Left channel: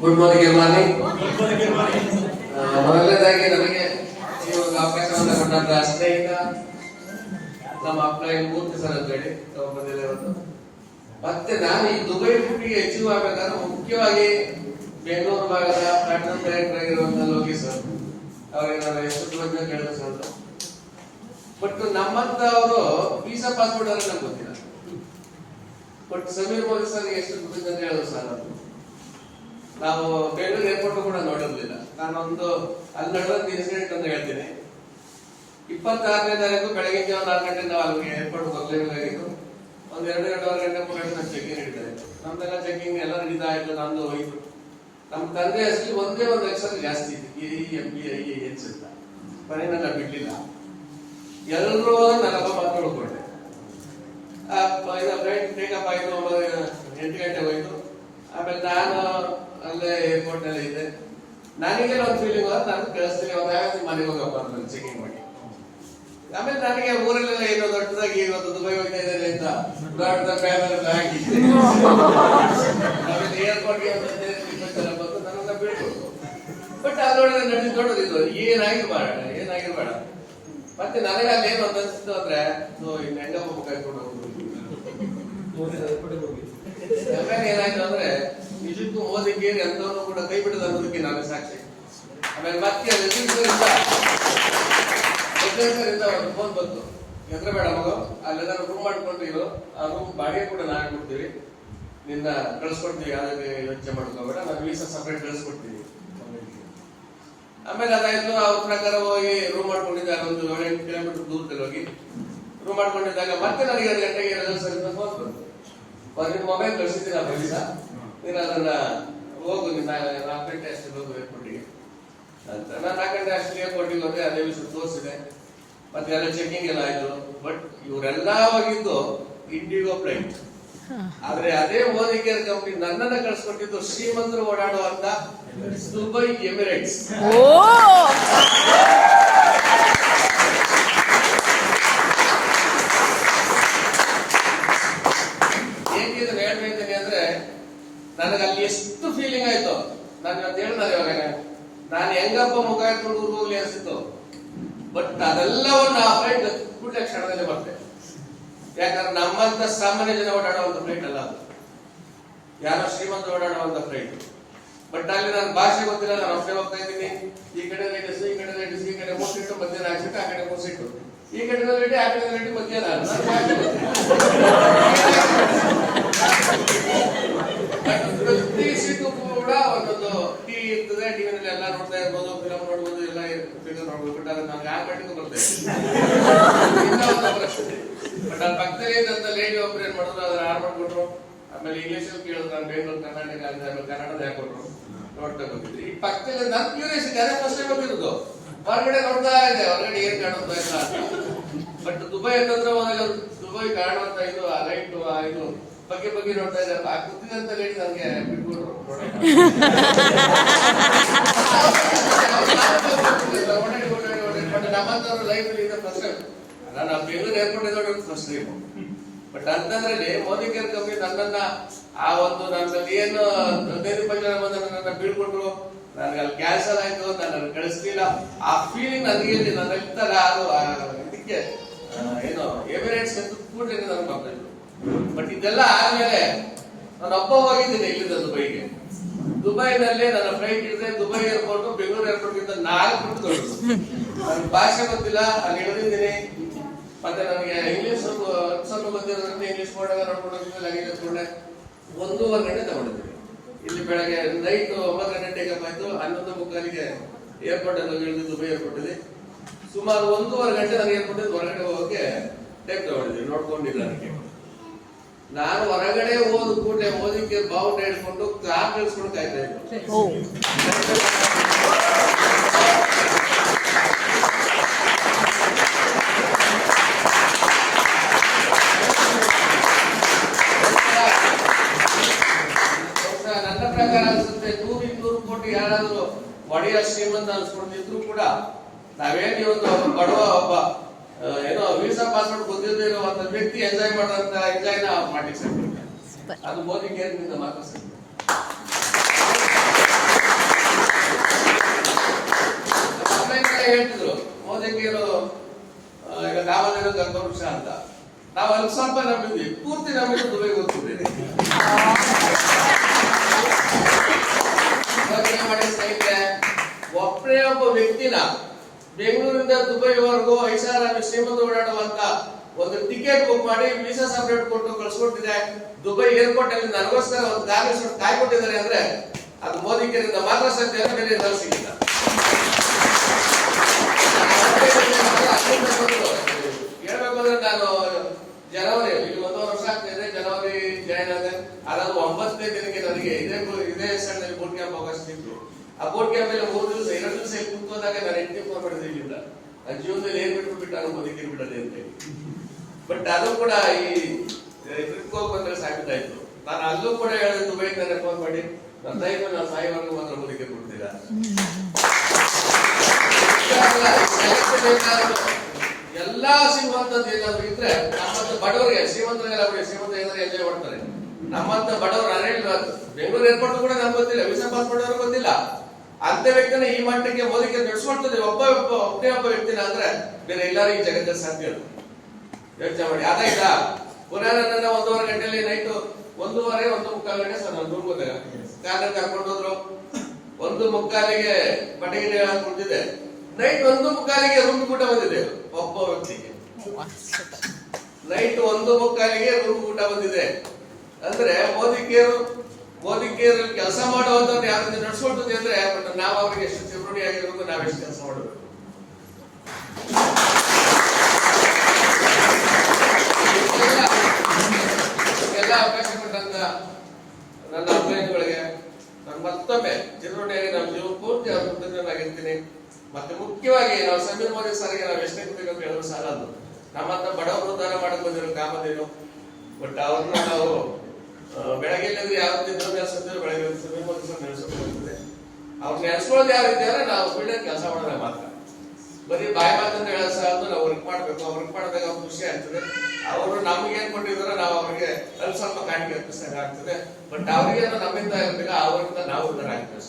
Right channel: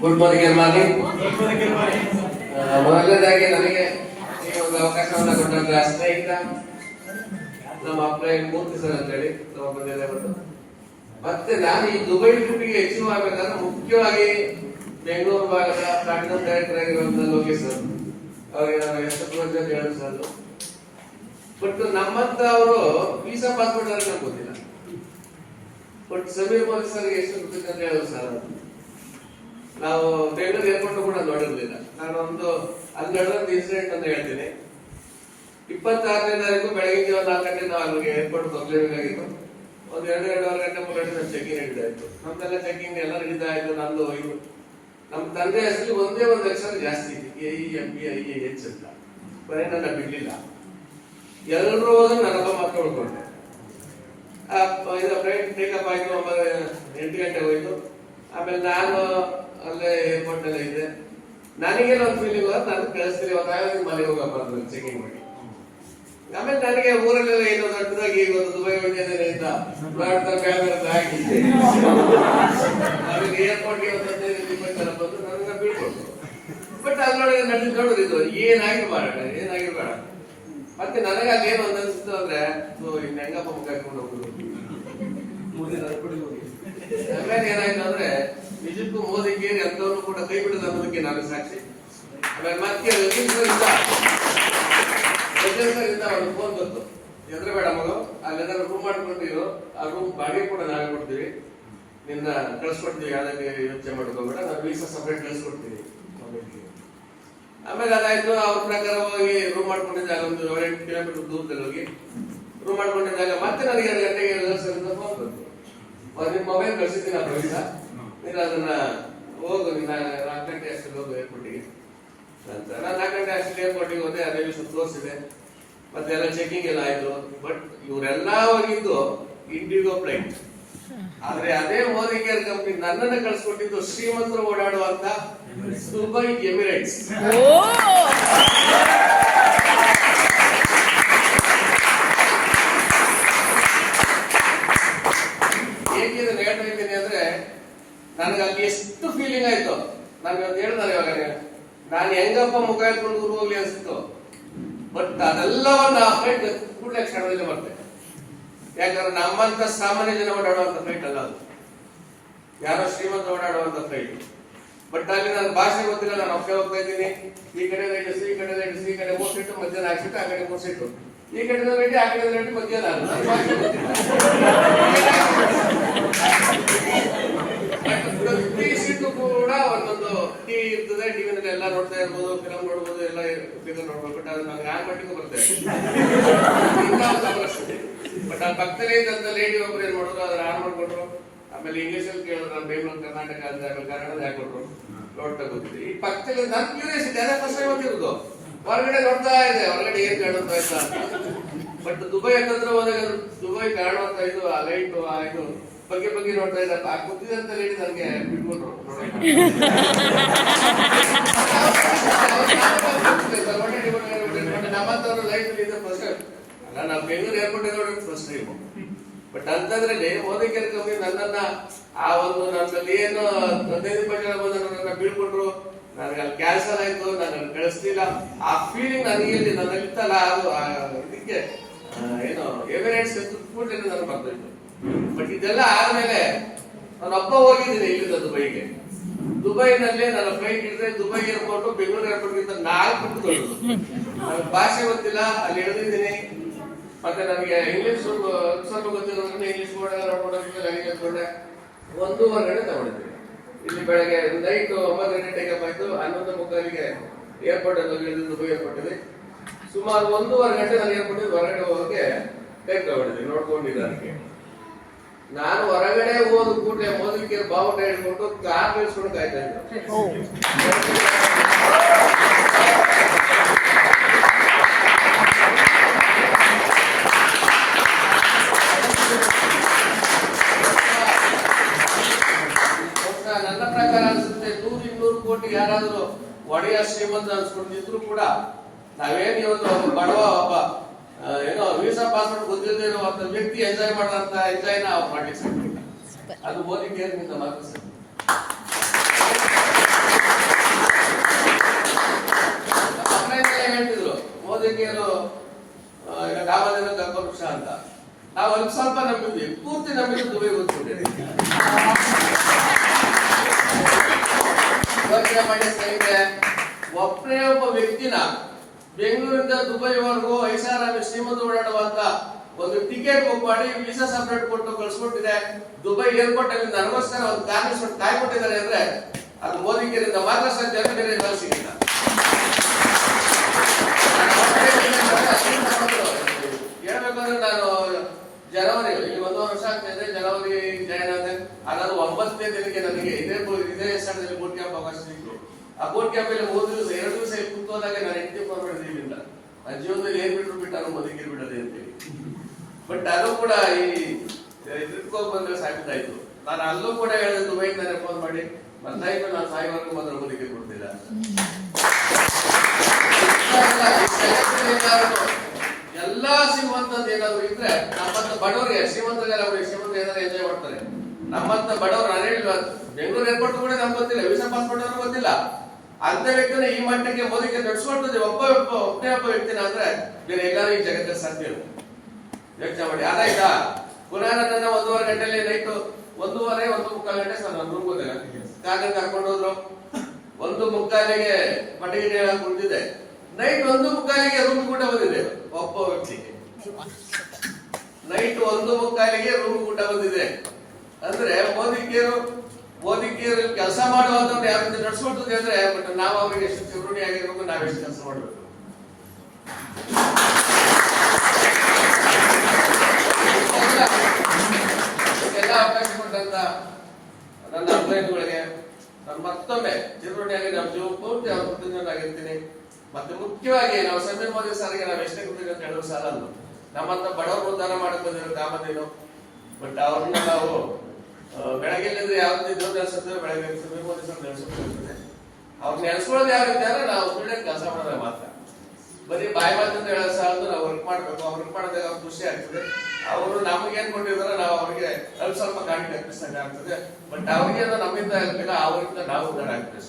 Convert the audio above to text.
Good morning. ಮೊದಲನೇದಾಗಿ ನನಗೆ ಈ ಒಂದು ಅವಕಾಶವನ್ನು ಕೊಟ್ಟಂತ ಸ್ನೇಹಿತ ನಮ್ಮ ಅಪ್ಲೈನ್ ಮೂರ್ತಿ ಸರ್ ಅಂತ ಹೇಳಿ ಬಂದಿದೆ ಇವತ್ತು. ಮತ್ತೆ ನಾನು ಈ ದುಬೈ ಟ್ರಿಪ್ಗೆ ಅಚೀವ್ ಆಗ್ಬೇಕಾದ್ರೆ ಮುಖ್ಯವಾಗಿ ಬೆಂಗಳೂರು ಭಾಗದ ಪ್ಲಾಟಿನಂ ಡೈರೆಕ್ಟರ್ ಆಗಿರುವಂತಹ ಲೋಕೇಶ್ ಸರ್ ಅವರಿಗೆ ನಾನು ಎಷ್ಟು ಕೃತಜ್ಞತೆ ಹೇಳೋದು ಸರ್. ಬಟ್ ನಮ್ಮಂತ ಅವರು ವೀಸಾ ಪಾಸ್ಪೋರ್ಟ್ ಅವ್ರಿಗೆ ನಂಗೆ ಗೊತ್ತಿಲ್ಲ. ಬಟ್ ಸಮೀರ್ ಮೋದಿ ಸರ್ ಎಷ್ಟು ಕೃತಜ್ಞತೆ ಹೇಳೋದು ಸರ್. ನಾವು ಬೆಂಗಳೂರು ಏರ್ಪೋರ್ಟ್ ಕೂಡ ನೋಡಿರ್ಲಿಲ್ಲ. ನಾನೊಂದು ಅಲ್ಲಿ ನಡೆದ ಇನ್ಸಿಡೆಂಟ್ ಅಂತ ಹೇಳ್ತೀನಿ. 26ನೇ ತಾರೀಕು ಬೆಳಗಿನ ಜಾವ 4 ಗಂಟೆ ನಾವು ಅಲ್ಲಿಗೆ ಏರ್ಪೋರ್ಟ್ ಬರ್ಲೇಬೇಕಾಗಿತ್ತು. ಒಂದು 2-2.5 ಗಂಟೆ 3 ಗಂಟೆ ನಮ್ಮ ಚೆಕಿಂಗ್ ನಡೀತಾಯಿತ್ತು. ನಮ್ದೆಲ್ಲ ಚೆಕಿಂಗ್ ಎಲ್ಲ ನಡೀತಾ ಇತ್ತು. ನಮ್ದು ಹೋಯ್ತು. ನಮ್ಮ ತಂದೆ ಹೆಸರು ಒಂದೇ ಒಂದು ಅಕ್ಷರ ಜಾಸ್ತಿ ಇತ್ತು, AEMBIEH ಅಂತ. ಮನೆ ನನ್ನ ಬಿಡ್ಲಿಲ್ಲ. ಎಲ್ಲರೂ ನನ್ನಪ್ಪ ಮಾತ್ರ ಉಳ್ಕೊಂಡೆ. ಫ್ಲೈಟ್ ಟೇಕಪ್ ಆಯ್ತು. 8 ಗಂಟೆಗೆ ಹೋಯ್ತು. ಆಮೇಲೆ ನಾನು ಅಲ್ಲೇ ಏರ್ಪೋರ್ಟ್ ಎಲ್ಲ ಇದ್ದೆ. ನನಗೆಲ್ಲ ಒಂದು ಫೀಲಿಂಗ್ ನಾನು ಕಳಿಸ್ತೀನಿ, ಮನೆಗೆ ಹೋಗಪ್ಪ ಚೆಕಿಂಗ್ ಮಾಡಿ. ಆಮೇಲೆ ನನಗೆ ಊರಲ್ಲೆಲ್ಲ ಏನೋ ದೊಡ್ಡದಾಗಿ ಇವತ್ತು ದುಬೈ ಹೋಗ್ತಾ ಇದ್ದೇನೆ ಅಂತ ದೊಡ್ಡ ಬ್ಯಾನರ್ ಹಾಕಿದ್ದೆ. ಆಮೇಲೆ ಏರ್ಪೋರ್ಟ್ಗೆ ಒಂದು 15-20 ಜನ ಬಂದು ನನ್ನನ್ನ ಬೀಳ್ಕೊಟ್ಟು. ಬಟ್ ಅದ್ರೊಳಗೆ ನಡೆದು ದೊಡ್ಡದಿದ್ದು ಏನಾಗಿರ್ಬೇಡ. ಮತ್ತೆ ನನಗೆ ಅಲ್ಲೇನು ಅಂತ ಅನಿಸ್ತು ಅಂದ್ರೆ ಇನ್ನು ಹೆಂಗಪ್ಪ ಮುಖ ಹಾಕೊಂಡು ಹೋಗುದು. ಆಮೇಲೆ ಏನಾಯ್ತು ಅಂದ್ರೆ ನಿಜಕ್ಕೂ ಮೋದಿ ಕೇರಿ ಅಂತವನು ಕೂಡ ಕೈ ಬಿಡದ ಅನ್ನೋದಕ್ಕೆ ನಾನು ಸಾಕ್ಷಿ. ಆಮೇಲೆ ಮತ್ತೆ ಒಂದು ಫೋನ್ ಬಂತು, ಎದ್ರ ಬೇಡ ಮಗು, ಅಲ್ಲೆಲ್ಲ ರೂಮ್ ಮಾಡ್ಕೊಂಡಿರೋ ಆ ರೂಮ್ ಬಾಡಿಗೆ ಕೂಡ ನಾವೇ ಕೊಡ್ತೀವಿ, ನಿನ್ನ ಕಳಿಸ್ಕೊಡ್ತೀವಿ, ಯಾವ್ದಕ್ಕೆ ಯೋಚನೆ ಮಾಡ್ಕೋಬೇಡ, ನಾನು ವೀಸಾ ಸಪರೇಟ್ ಕಳಿಸ್ಕೊಡ್ತೀನಿ. ಆಮೇಲೆ ಅದಾಯ್ತು. ಅವ್ರ ಪ್ರಕಾರ ಹೋಗಿ ರೂಮ್ ಮಾಡ್ಕೊಂಡಿದ್ದಾಗ ಒಂದು 7-8 ಕಿಲೋಮೀಟರ್ ದೂರದಲ್ಲಿ ಹೋಗಿ ರೂಮ್ ಮಾಡ್ಕೊಂಡಿದ್ದಾಗ ಮತ್ತೆ ನನಗೆ 2 ಗಂಟೆಗೆ ರಿಸರ್ವ್ ಫೋನ್ ಬಂತು. ನಿಮ್ಮ ಮೊಬೈಲ್ ಕಳಿಸಿದ್ದೀನಿ ವೀಸಾ, ನೀನು ಅದನ್ನ ಹೋಗು, ನಿನ್ನ 4 ಗಂಟೆ ಅಷ್ಟಲ್ಲಿ ಹೋಗು ಏರ್ಪೋರ್ಟಿಗೆ ಅಂತ. ನಾನು 4 ಗಂಟೆ ಅಷ್ಟಲ್ಲಿ ಏರ್ಪೋರ್ಟಿಗೆ ಹೋದೆ. ಅದೇ ವಿಷಯ ತೋರಿಸಿದೆ. ಮತ್ತೆ ಎಲ್ಲ ಚೆಕಿಂಗ್ ಎಲ್ಲ ಆಯ್ತು. ಬಟ್ ಇವರೆಲ್ಲ ಹೋಗಿದ್ದು ಇಂಡಿಗೋ ಫ್ಲೈಟ್. ಆದ್ರೆ ಅದೇ ಮೋದಿ ಕೇರ್ ಕಂಪನಿ ನನ್ನನ್ನ ಕಳಿಸ್ಕೊಟ್ಟಿದ್ದು ಶ್ರೀಮಂತರು ಓಡಾಡುವಂತ ದುಬೈ ಎಮಿರೇಟ್ಸ್. ಹೇಗೆ ಇದನ್ನ ಹೇಳ್ತಾ ಇದ್ದೀನಿ ಅಂದ್ರೆ ನನಗೆ ಅಲ್ಲಿ ಎಷ್ಟು ಫೀಲಿಂಗ್ ಆಯ್ತು. ನಾನು ಇವತ್ತು ಹೇಳಿದಾರೆ ಇವಾಗ ನಾನು ಹೆಂಗಪ್ಪ ಮುಖ ಇಟ್ಕೊಂಡು ಊರು ಹೋಗ್ಲಿ ಅನ್ಸಿತ್ತು. ಬಟ್ ಅದೆಲ್ಲವನ್ನ ಆ ಫ್ಲೈಟ್ ಕೂಡಲೇ ಕ್ಷಣದಲ್ಲಿ ಬರ್ತೇನೆ. ಯಾಕಂದ್ರೆ ನಮ್ಮಂತ ಸಾಮಾನ್ಯ ಜನ ಓಡಾಡುವಂತ ಫ್ಲೈಟ್ ಅಲ್ಲ ಅದು, ಯಾರೋ ಶ್ರೀಮಂತ ಓಡಾಡುವಂತ ಫ್ಲೈಟ್. ಬಟ್ ಅಲ್ಲಿ ನನ್ನ ಭಾಷೆ ಗೊತ್ತಿಲ್ಲ. ನಾನು ಒಬ್ಬನೇ ಹೋಗ್ತಾ ಇದ್ದೀನಿ. ಈ ಕಡೆ ರೈಟ್, ಈ ಕಡೆ ರೈಟ್, ಈ ಕಡೆ 3 ಸೀಟು, ಮಧ್ಯಾಹ್ನ 4 ಸೀಟು, ಆ ಕಡೆ 3 ಸೀಟು, ಈ ಕಡೆ ರೆಡಿ, ಆ ಕಡೆ ರೆಡಿ, ಮಧ್ಯಾಹ್ನ ಪ್ರತಿ ಸೀಟು ಕೂಡ ಒಂದೊಂದು ಟಿವಿ ಇರ್ತದೆ. ಟಿವಿನಲ್ಲಿ ಎಲ್ಲ ನೋಡ್ತಾ ಇರ್ಬೋದು, ಫಿಲಂ ನೋಡ್ಬೋದು, ಎಲ್ಲ ಫಿಗರ್ ನೋಡ್ಬೋದು. ಬಟ್ ಅದು ನನಗೆ ಆ ಮಟ್ಟಿಗೂ ಬರ್ತದೆ. ಬಟ್ ಅಲ್ಲಿ ಪಕ್ಕದಲ್ಲಿ ಇದ್ದಂತ ಲೇಡಿ ಒಬ್ರು ಏನ್ ಮಾಡಿದ್ರು, ಅದನ್ನ ಆನ್ ಮಾಡ್ಕೊಟ್ರು. ಆಮೇಲೆ ಇಂಗ್ಲಿಷ್ ಅಲ್ಲಿ ಕೇಳಿದ್ರು, ನಾನು ಬೆಂಗಳೂರು ಕರ್ನಾಟಕ ಅಂತ, ಕನ್ನಡದ ಹಾಕೊಟ್ರು. ನೋಡ್ತಾ ಗೊತ್ತಿದೆ. ಈ ಪಕ್ಕದಲ್ಲಿ ನನ್ ಕ್ಯೂರಿಯಾಸಿಟಿ ಅದೇ ಫಸ್ಟ್ ಟೈಮ್ ಗೊತ್ತಿರೋದು. ಹೊರಗಡೆ ನೋಡ್ತಾ ಇದೆ, ಹೊರಗಡೆ ಏನ್ ಕಾಣುತ್ತಾ ಇಲ್ಲ ಅಂತ. ಬಟ್ ದುಬೈ ಅಂತಂದ್ರೆ ಹೋದಾಗ ದುಬೈ ಕಾಣುವಂತ ಇದು ಆ ಲೈಟ್ ಆ ಇದು ಬಗ್ಗೆ ನೋಡ್ತಾ ಇದ್ದಪ್ಪ. ಆ ಗೊತ್ತಿದಂತ ಲೇಡಿ ನನಗೆ ಬಿಟ್ಕೊಟ್ರು. ನಮ್ಮಂತವ್ರ ಲೈಫ್ ಇದೆ ಫಸ್ಟ್ ಟೈಮ್ ಅಲ್ಲ. ನಾವು ಬೆಂಗಳೂರು ಏರ್ಪೋರ್ಟ್ ನೋಡೋದು ಫಸ್ಟ್ ಟೈಮ್. ಬಟ್ ಅಂತಂದ್ರಲ್ಲಿ ಮೋದಿ ಕೇರ್ ಕಂಪನಿ ನನ್ನನ್ನ ಆ ಒಂದು ನನ್ನಲ್ಲಿ ಏನು 15-20 ಜನ ಬಂದು ನನ್ನನ್ನ ಬೀಳ್ಕೊಟ್ರು. ನನಗೆ ಅಲ್ಲಿ ಕ್ಯಾನ್ಸಲ್ ಆಯ್ತು, ನನ್ನನ್ನು ಕಳಿಸ್ಲಿಲ್ಲ. ಆ ಫೀಲಿಂಗ್ ನನಗೆ ನನ್ನಲ್ಲಿತ್ತಲ್ಲ, ಅದು ಇದಕ್ಕೆ ಏನು ಎಮಿರೇಟ್ಸ್ ಕೂಡಲೇ ನನಗೆ ಬರ್ತಿತ್ತು. ಬಟ್ ಇದೆಲ್ಲ ಆದ್ಮೇಲೆ ನಾನು ಒಬ್ಬ ಹೋಗಿದ್ದೀನಿ ಇಲ್ಲಿಂದ ದುಬೈಗೆ. ದುಬೈನಲ್ಲಿ ನನ್ನ ಫ್ಲೈಟ್ ಇದ್ರೆ ದುಬೈ ಏರ್ಪೋರ್ಟ್ ಬೆಂಗಳೂರು ಏರ್ಪೋರ್ಟ್ ಗಿಂತ 4 ಪಟ್ಟು ದೊಡ್ಡದು. ನನಗೆ ಭಾಷೆ ಗೊತ್ತಿಲ್ಲ, ಅಲ್ಲಿ ಇಳಿದಿದ್ದೀನಿ. ಮತ್ತೆ ನನಗೆ ಇಂಗ್ಲಿಷ್ ಸ್ವಲ್ಪ ಗೊತ್ತಿರೋದ್ರಿಂದ ಇಂಗ್ಲಿಷ್ ಬೋರ್ಡ್ ನೋಡ್ಕೊಂಡು ಲಗೇಜ್ ತಗೊಂಡೆ. 1.5 ಗಂಟೆ ತಗೊಂಡಿದ್ವಿ. ಇಲ್ಲಿ ಬೆಳಗ್ಗೆ ನೈಟ್ 9 ಗಂಟೆ ಟೇಕಪ್ ಆಯ್ತು. 11:30ಗೆ ಏರ್ಪೋರ್ಟ್ ಅಲ್ಲಿ ಇಳಿದು ದುಬೈ ಏರ್ಪೋರ್ಟ್ ಅಲ್ಲಿ ಸುಮಾರು 1.5 ಗಂಟೆ ನಾನು ಏರ್ಪೋರ್ಟ್ ಹೊರಗಡೆ ಹೋಗೋಕೆ ಟೈಮ್ ತಗೊಂಡಿದ್ದೆ ನೋಡ್ಕೊಂಡಿದ್ದೆ. ನಾನು ಹೊರಗಡೆ ಹೋದ ಕೂಡಲೇ ಮೋದಿಗೆ ಬಾವುಟ ಹಿಡ್ಕೊಂಡು ಕಾರ್ ಬೆಳೆಸ್ಕೊಂಡು ಕಾಯ್ತಾ ಇದ್ದೆ. ನನ್ನ ಪ್ರಕಾರ ಅನ್ಸುತ್ತೆ 100-200 ಕೋಟಿ ಯಾರಾದ್ರೂ ಒಡೆಯ ಶ್ರೀಮಂತ ಅನ್ಸ್ಕೊಂಡಿದ್ರು ಕೂಡ ನಾವೇನು ಇವತ್ತು ಬಡವ ಒಬ್ಬ ಏನೋ ವೀಸಾ ಪಾಸ್ಪೋರ್ಟ್ ಗೊತ್ತಿಲ್ಲದೆ ಇರುವಂತ ವ್ಯಕ್ತಿ ಎಂಜಾಯ್ ಮಾಡುವಂತ ಎಂಜಾಯ್ನ ಮಾಡ್ಲಿಕ್ಕೆ ಸಾಧ್ಯ. ಅದು ಮೋದಿ ಕೇರ್ ಮಾತ್ರ ಸಾಧ್ಯ. ಮೋದಿಕೇರು ಈಗ ನಾವಲ್ಲೇನೋ ಕರ್ಕೊಂಡ್ಷ ಅಂತ ನಾವು ಅಲ್ಲಿ ಸ್ವಲ್ಪ ನಂಬಿದ್ವಿ, ಪೂರ್ತಿ ನಂಬಿದ್ದು ದುಬೈ ಗೊತ್ತಿದೆ. ಯೋಚನೆ ಮಾಡಿ ಸ್ನೇಹಿತರೆ, ಒಬ್ಬನೇ ಒಬ್ಬ ವ್ಯಕ್ತಿನ ಬೆಂಗಳೂರಿಂದ ದುಬೈವರೆಗೂ ಐಷಾರಾಮಿ ಶ್ರೀಮಂತ ಓಡಾಡುವಂತ ಒಂದು ಟಿಕೆಟ್ ಬುಕ್ ಮಾಡಿ ವೀಸಾ ಸಪರೇಟ್ ಕೊಟ್ಟು ಕಳ್ಸಿಕೊಟ್ಟಿದೆ. ದುಬೈ ಏರ್ಪೋರ್ಟ್ ಅಲ್ಲಿ ನನಗೋಸ್ಕರ ಒಂದು ಕಾರ್ಮಿಕ ಕಾಯ್ಕೊಟ್ಟಿದ್ದಾರೆ ಅಂದ್ರೆ ಅದು ಮೋದಿಕೇರಿಂದ ಮಾತ್ರ ಸಾಧ್ಯ, ಬೇರೆ ನಾವು ಸಿಗಿಲ್ಲ. ಹೇಳ್ಬೇಕಂದ್ರೆ ನಾನು ಜನವರಿ ಇಲ್ಲಿ 1 ವರ್ಷ ಆಗ್ತಾ ಇದೆ, ಜನವರಿ ಜಾಯಿನ್ ಆದ. ಅದಾದ 9ನೇ ದಿನಕ್ಕೆ ನನಗೆ ಇದೇ ಸ್ಥಳದಲ್ಲಿ ಬೋಟ್ ಕ್ಯಾಂಪ್ ಅವಕಾಶ ಸಿಕ್ತು. ಆ ಬೋಟ್ ಕ್ಯಾಂಪ್ ಅಲ್ಲಿ 3 ದಿವಸ 2 ದಿವಸ ಇಲ್ಲಿ ಕೂತೋದಾಗ ನಾನು ಹೆಂಡತಿ ಫೋನ್ ಮಾಡಿದ್ರೆ ಇಲ್ಲಿಂದ ನನ್ನ ಜೀವನದಲ್ಲಿ ಏನ್ ಬಿಟ್ರು ಬಿಟ್ಟಾನು ಮೋದಿಕೇರಿ ಬಿಡದೆ ಅಂತ ಹೇಳಿ. ಬಟ್ ಅದು ಕೂಡ ಈ ಟ್ರಿಪ್ ಹೋಗಿ ಬಂದ್ರೆ ಸಾಕಾಯ್ತು. ನಾನು ಅಲ್ಲೂ ಕೂಡ ಹೇಳಿದೆ, ದುಬೈ ತಾನೆ ಫೋನ್ ಮಾಡಿ ಬಂದಾಯ್ತು, ನಾನು ಸಾಯಿವರೆಗೂ ಮಾತ್ರ ಮೋದಿಕೇರಿ ಕೊಡ್ತೀರ. ಎಲ್ಲಾ ಶ್ರೀಮಂತದ್ದು ಏನಾದ್ರು ಇದ್ರೆ ನಮ್ಮಂತ ಬಡವರಿಗೆ, ಶ್ರೀಮಂತರಿಗೆಲ್ಲ ಶ್ರೀಮಂತ ಏನಾದ್ರು ಎಂಜಾಯ್ ಮಾಡ್ತಾರೆ. ನಮ್ಮಂತ ಬಡವರು ಬೆಂಗಳೂರು ಏರ್ಪೋರ್ಟ್ ಕೂಡ ನಮ್ಗೆ ಗೊತ್ತಿಲ್ಲ, ವೀಸಾ ಪಾಸ್ಪೋರ್ಟ್ ಅವ್ರಿಗೆ ಗೊತ್ತಿಲ್ಲ. ಅಂತ ವ್ಯಕ್ತಿನ ಈ ಮಟ್ಟಕ್ಕೆ ಮೋದಿಗೆ ನಡೆಸ್ಕೊಡ್ತದೆ ಒಬ್ಬನೇ ಒಬ್ಬ ವ್ಯಕ್ತಿನ ಅಂದ್ರೆ ಬೇರೆ ಎಲ್ಲರೂ ಈ ಜಗತ್ತಿನ ಸಾಧ್ಯ. ಯೋಚನೆ ಮಾಡಿ. ಅದಾಯ್ತಾ, ಪುನಃ ನನ್ನನ್ನು 1:15 ಗಂಟೆಯಲ್ಲಿ ನೈಟ್ 1:15, 1:45 ಗಂಟೆ ಸರ್ ನಾನು ರೂಮ್ ಹೋದಾಗ ಕಾರಲ್ಲಿ ಕರ್ಕೊಂಡು ಹೋದ್ರು. 1:45ಗೆ ಪಟೇಲ್ ಕುಳಿತಿದೆ. ನೈಟ್ 1:45ಗೆ ರೂಮ್ ಊಟ ಬಂದಿದೆ ಒಬ್ಬ ವ್ಯಕ್ತಿಗೆ. ನೈಟ್ 1:45ಗೆ ರೂಮ್ ಊಟ ಬಂದಿದೆ ಅಂದ್ರೆ ಮೋದಿಕೇರು ಕೆಲಸ ಮಾಡುವಂತದ್ದು ಯಾವ ರೀತಿ ನಡೆಸ್ಕೊಡ್ತದೆ ಅಂದ್ರೆ, ಬಟ್ ನಾವು ಅವ್ರಿಗೆ ಎಷ್ಟು ಚಿಗುರುಣಿ ಆಗಿರ್ಬೇಕು, ನಾವೆಷ್ಟು ಕೆಲಸ ಮಾಡಬೇಕು. ಎಲ್ಲ ಅವಕಾಶ ಕೊಟ್ಟಂತ ನನ್ನ ಅಭಿಪ್ರಾಯಗಳಿಗೆ ನಾನು ಮತ್ತೊಮ್ಮೆ ಚಿಗುರುಣಿಯಾಗಿ ನಮ್ಮ ಜೀವ ಪೂರ್ತಿ ಅವ್ರ ಕೃತಜ್ಞನಾಗಿರ್ತೀನಿ. ಮತ್ತೆ ಮುಖ್ಯವಾಗಿ ನಾವು ಸಮೀರ್ ಮೋದಿ ಸರ್ಗೆ ನಾವು ಎಷ್ಟೇ ಕೃತಜ್ಞತೆ ಹೇಳೋ ಸಾಲ ಅಂದು ನಮ್ಮಂತ ಬಡವರು ಉದ್ಧಾರ ಮಾಡಕ್ ಬಂದಿರೋ ಕಾಮಧೇನು. ಬಟ್ ಅವ್ರನ್ನ ನಾವು ಬೆಳಗ್ಗೆ ಇಲ್ಲದ್ರೆ ಯಾವ ರೀತಿ ದೇವ್ರು ನೆನೆಸುತ್ತೇವೆ, ಬೆಳಗ್ಗೆ ಸಮೀರ್ ಮೋದಿ ಸರ್ ನೆನೆಸುತ್ತಿರ್ತದೆ. ಅವ್ರು ನೆನೆಸ್ಕೊಳ್ಳೋದು ಯಾವ ರೀತಿ ಅಂದ್ರೆ ನಾವು ಫೀಲ್ಡ್ ಕೆಲಸ ಮಾಡೋದಾಗ ಮಾತ್ರ. ಬರೀ ಬಾಯಿ ಮಾತಂತ ಹೇಳೋ ಸಾಲದು ನಾವು ವರ್ಕ್ ಮಾಡ್ಬೇಕು. ವರ್ಕ್ ಮಾಡಿದಾಗ ಅವ್ರು ಖುಷಿ ಆಗ್ತದೆ. ಅವರು ನಮಗೇನ್ ಕೊಟ್ಟಿದಾರೋ ನಾವು ಅವ್ರಿಗೆ ಸ್ವಲ್ಪ ಕಾಣಿಕೆ ಅರ್ಪಿಸಿದಾಗ ಆಗ್ತದೆ. ಬಟ್ ಅವ್ರಿಗೇನು ನಮ್ಮಿಂದ ಇರಲಿಲ್ಲ, ಅವರಿಂದ ನಾವು ಉದ್ಧಾರ ಆಗ್ತದೆ.